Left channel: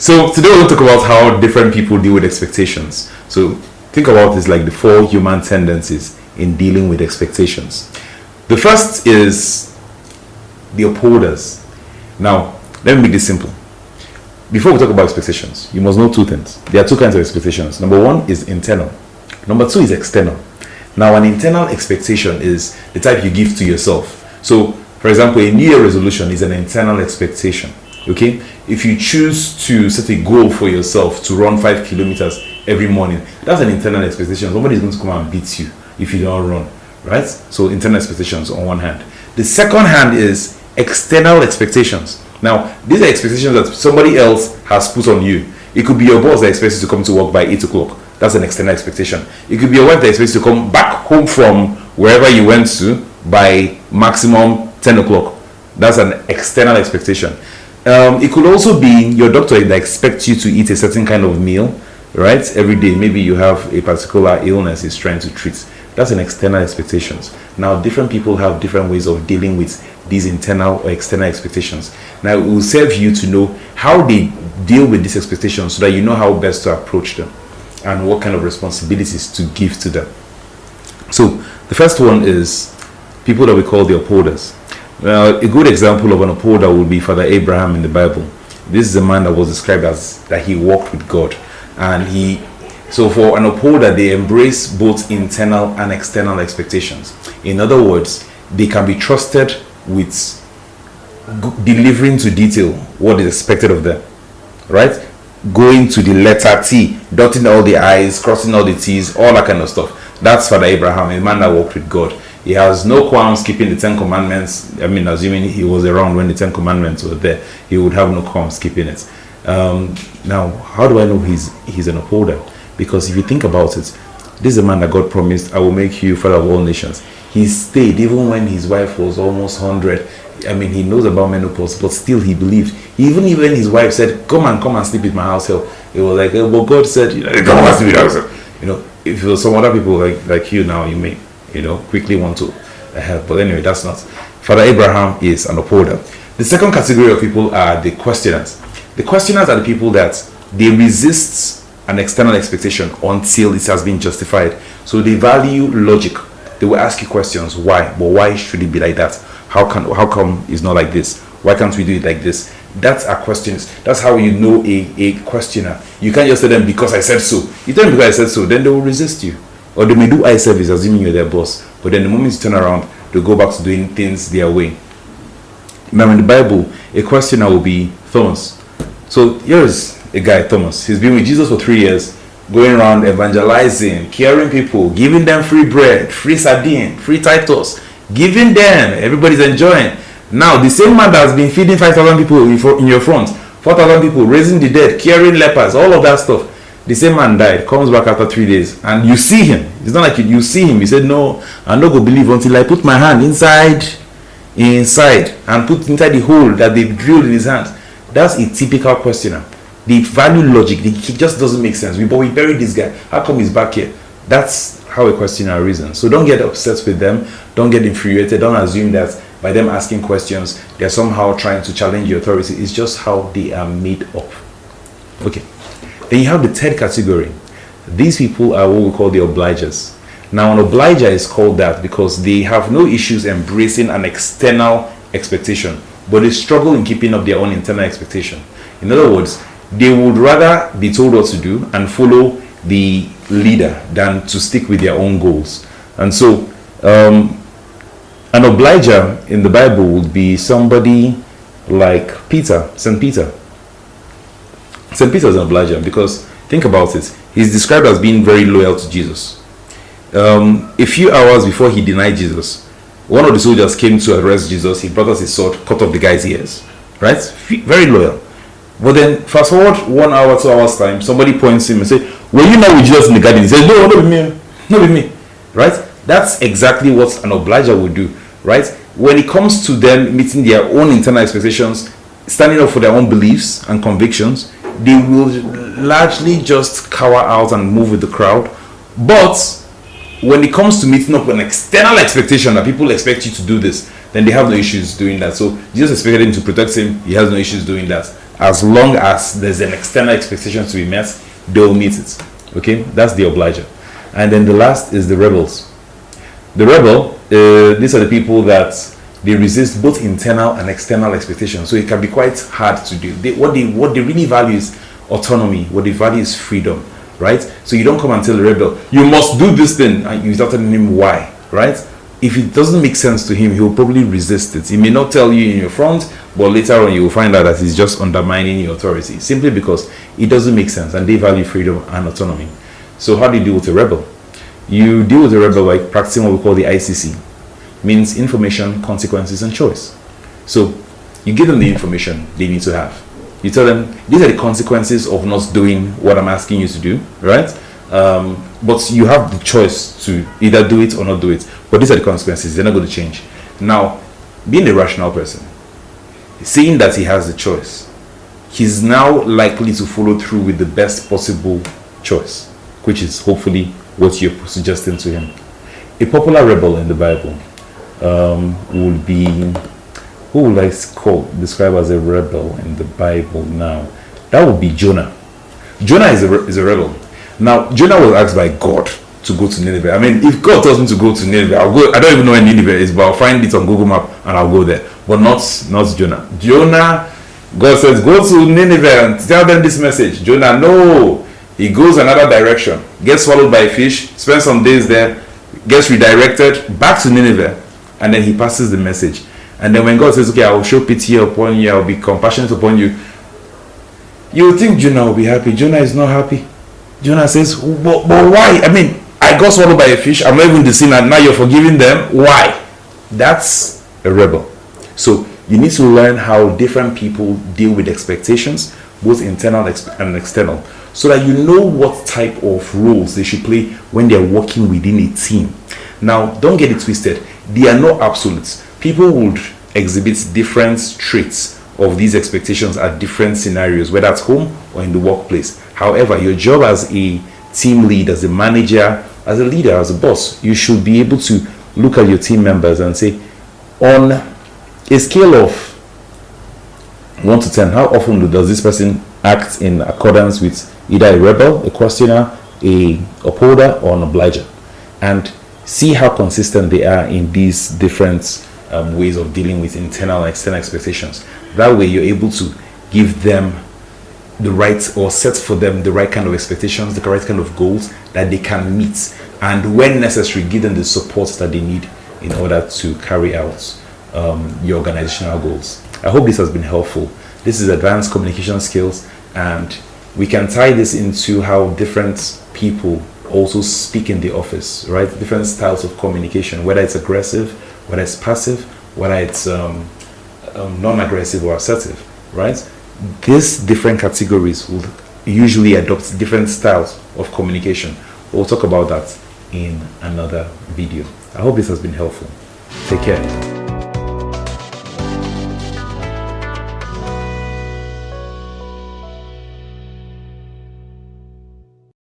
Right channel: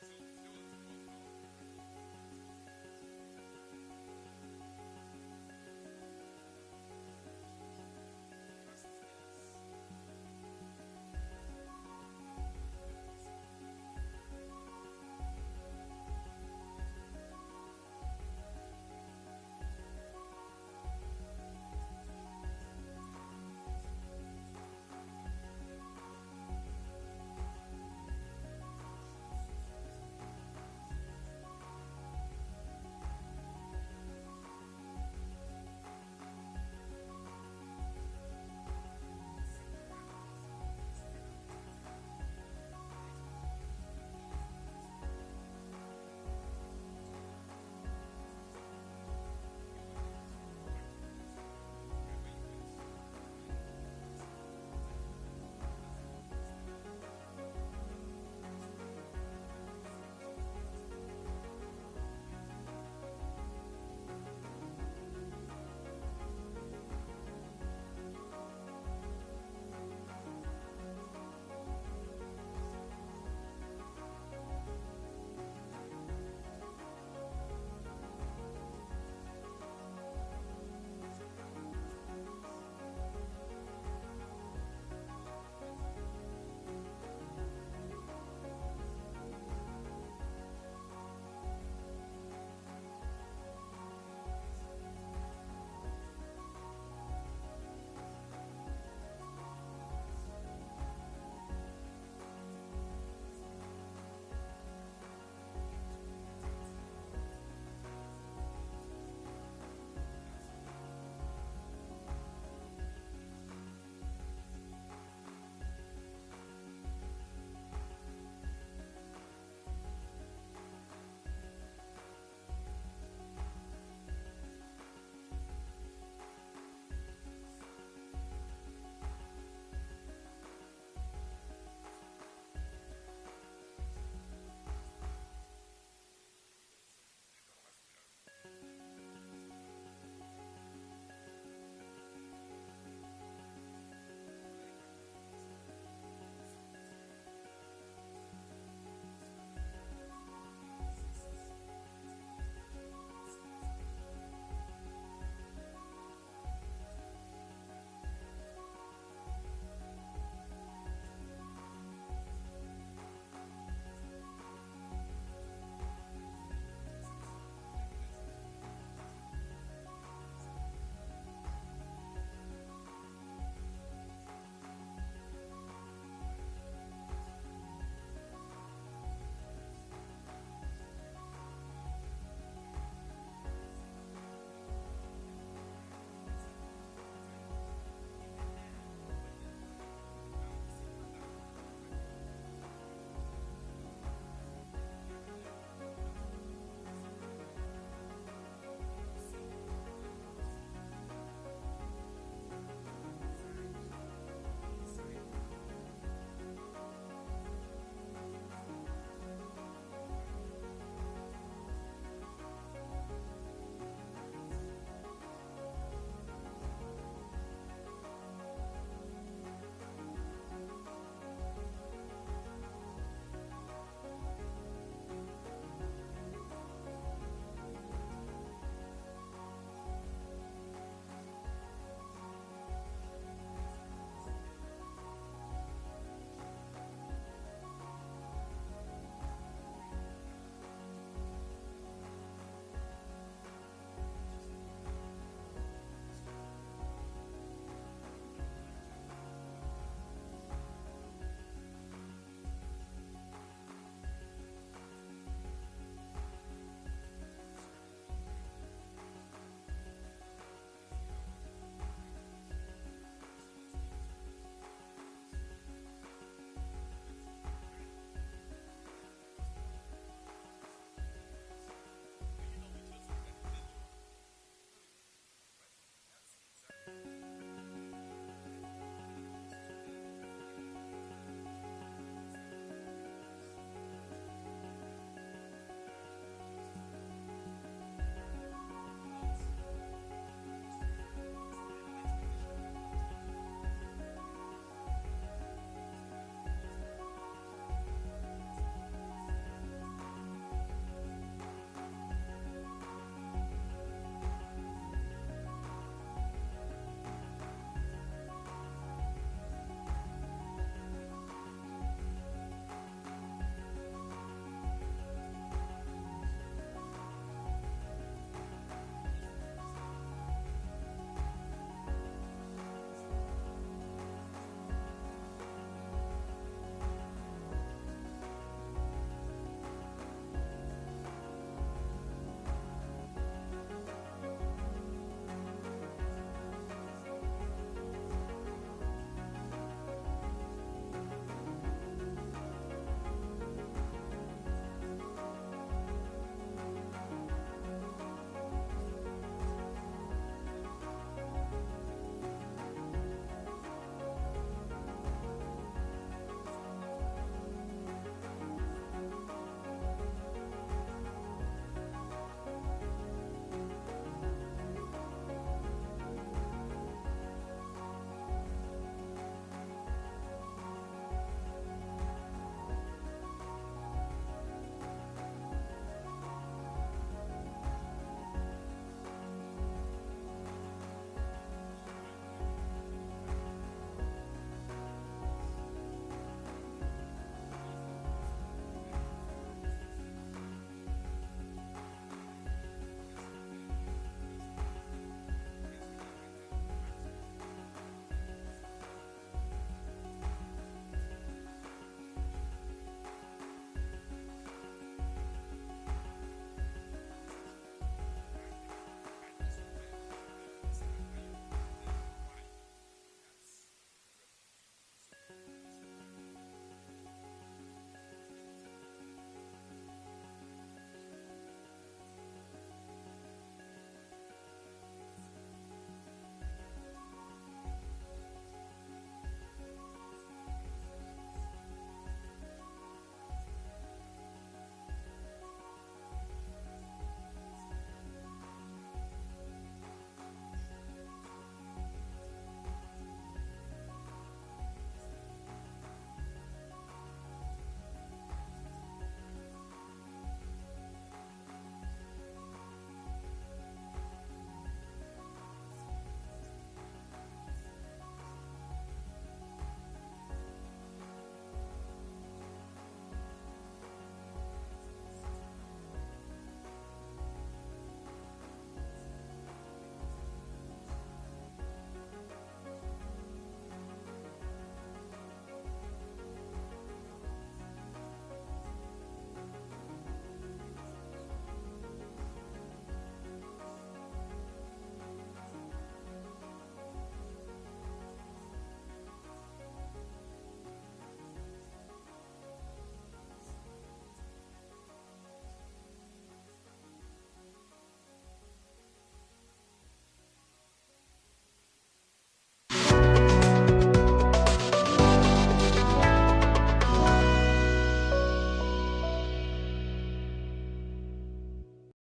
So today we'll talk about how different people deal with expectations. So think about this like the 4 human tendencies in dealing with expectations. The first is the upholders. Now, let me make this simple. Before we talk about expectations, you must know 2 things. There are 2 kinds of expectations. Number 1 is internal. Number 2 is external. Now, an internal expectation is the type you give to yourself. So, for example, a New Year resolution is an internal expectation. Okay? If you choose to set a goal for yourself to run 5 kilometers every morning, that's an internal expectation. Somebody is going to come and beat you if you don't run. Right? So, internal expectations on one hand. The second hand is external expectations. Now, these are expectations that somebody else has put on you. It could be your boss that expects you to come to work by 8 o'clock. That's an external expectation. It could be your wife that expects you to come back home from wherever you went to by maximum 10 o'clock. That's an external expectation. It could also be your doctor that expects you to eat a certain kind of meal, right? Every day. Maybe you have a particular illness he's trying to treat. That's an external expectations. Now, different people have different ways of dealing with these internal or external expectations. Now, it will serve you to know how they deal with these expectations so that you know how best to approach them and what kind of responsibilities to give to them. So, the first one is people that we call the upholders. Now, a good example of an upholder would be Father Abraham in the Bible. This is a man that was described as that he walked with God. And so for an upholder, they embrace both internal and external expectations. In other words, they can be trusted with delivering to detail what is expected of them, right? Going to the letter T, dotting all the I's, crossing all the T's, all that kind of stuff. That's Father Abraham, a man that walked with God. He has no qualms keeping the 10 commandments. I mean, assuming he was around when the 10 commandments were there, he would have no qualms keeping it. Now, how do I know he's an upholder? Because if you think about it, this is a man that God promised, I will make you father of all nations. He stayed even when his wife was almost 100. I mean, he knows about menopause, but still he believed. Even when his wife said, come and sleep with my house help, it was like, well, God said, come and sleep with my house help. If it was some other people like you now, you may, quickly want to help. But anyway, that's not. Father Abraham is an upholder. The second category of people are the questioners. The questioners are the people that they resist an external expectation until it has been justified. So they value logic. They will ask you questions. Why? But why should it be like that? How come it's not like this? Why can't we do it like this? That's our questions. That's how you know a questioner. You can't just tell them because I said so. You tell them because I said so, then they will resist you. Or they may do eye service assuming you're their boss. But then the moment you turn around, they'll go back to doing things their way. Now in the Bible, a questioner will be Thomas. So here's a guy, Thomas. He's been with Jesus for 3 years, going around evangelizing, caring people, giving them free bread, free sardine, free Titus, giving them. Everybody's enjoying. Now, the same man that has been feeding 5,000 people in your front, 4,000 people, raising the dead, curing lepers, all of that stuff. The same man died, comes back after 3 days, and you see him. It's not like you see him. He said, no, I'm not going to believe until I put my hand inside, and put inside the hole that they've drilled in his hand. That's a typical questioner. They value logic. It just doesn't make sense. But we buried this guy. How come he's back here? That's how a questioner reasons. So don't get upset with them. Don't get infuriated. Don't assume that by them asking questions, they're somehow trying to challenge your authority. It's just how they are made up. Okay. Then you have the third category. These people are what we call the obligers. Now, an obliger is called that because they have no issues embracing an external expectation, but they struggle in keeping up their own internal expectation. In other words, they would rather be told what to do and follow the leader than to stick with their own goals. And so, an obliger in the Bible would be somebody like Peter, St. Peter. St. Peter is an obliger because, think about it, he's described as being very loyal to Jesus. A few hours before he denied Jesus, one of the soldiers came to arrest Jesus. He brought out his sword, cut off the guy's ears. Right? Very loyal. But then, fast forward 1 hour, 2 hours time, somebody points him and says, were you not with Jesus in the garden? He says, no, not with me. Not with me. Right? That's exactly what an obliger would do. Right? When it comes to them meeting their own internal expectations, standing up for their own beliefs and convictions, they will largely just cower out and move with the crowd. But when it comes to meeting up an external expectation that people expect you to do this, then they have no issues doing that. So Jesus expected him to protect him. He has no issues doing that. As long as there's an external expectation to be met, they'll meet it. Okay, that's the obliger. And then the last is the rebels. The rebel, these are the people that they resist both internal and external expectations. So it can be quite hard to do. What they really value is autonomy. What they value is freedom, right? So you don't come and tell the rebel, you must do this thing, and you start telling him why, right? If it doesn't make sense to him, he'll probably resist it. He may not tell you in your front, but later on you will find out that he's just undermining your authority, simply because it doesn't make sense, and they value freedom and autonomy. So how do you deal with a rebel? You deal with a rebel by practicing what we call the ICC. Means information, consequences, and choice. So you give them the information they need to have. You tell them, these are the consequences of not doing what I'm asking you to do, right? But you have the choice to either do it or not do it. But these are the consequences. They're not going to change. Now, being a rational person, seeing that he has the choice, he's now likely to follow through with the best possible choice, which is hopefully what you're suggesting to him. A popular rebel in the Bible would be, who would I describe as a rebel in the Bible now? That would be Jonah. Jonah is a rebel. Now, Jonah was asked by God to go to Nineveh. I mean, if God tells me to go to Nineveh, I'll go. I don't even know where Nineveh is, but I'll find it on Google Map and I'll go there. But not Jonah. Jonah, God says, go to Nineveh and tell them this message. Jonah, no. He goes another direction, gets swallowed by a fish, spends some days there, gets redirected back to Nineveh, and then he passes the message. And then when God says, okay, I will show pity upon you, I will be compassionate upon you, you would think Jonah will be happy. Jonah is not happy. Jonah says, but why? I mean, I got swallowed by a fish, I'm not even the sin, and now you're forgiving them. Why? That's a rebel. So you need to learn how different people deal with expectations, both internal and external, so that you know what type of roles they should play when they're working within a team. Now, don't get it twisted. They are not absolutes. People would exhibit different traits of these expectations at different scenarios, whether at home or in the workplace. However, your job as a team lead, as a manager, as a leader, as a boss, you should be able to look at your team members and say, on a scale of 1 to 10, how often does this person act in accordance with either a rebel, a questioner, a upholder, or an obliger? And see how consistent they are in these different ways of dealing with internal and external expectations. That way you're able to give them the right, or set for them the right kind of expectations, the correct kind of goals that they can meet, and when necessary, give them the support that they need in order to carry out your organizational goals. I hope this has been helpful. This is advanced communication skills, and we can tie this into how different people also speak in the office, right? Different styles of communication, whether it's aggressive, whether it's passive, whether it's non-aggressive or assertive, right? These different categories will usually adopt different styles of communication. We'll talk about that in another video. I hope this has been helpful. Take care.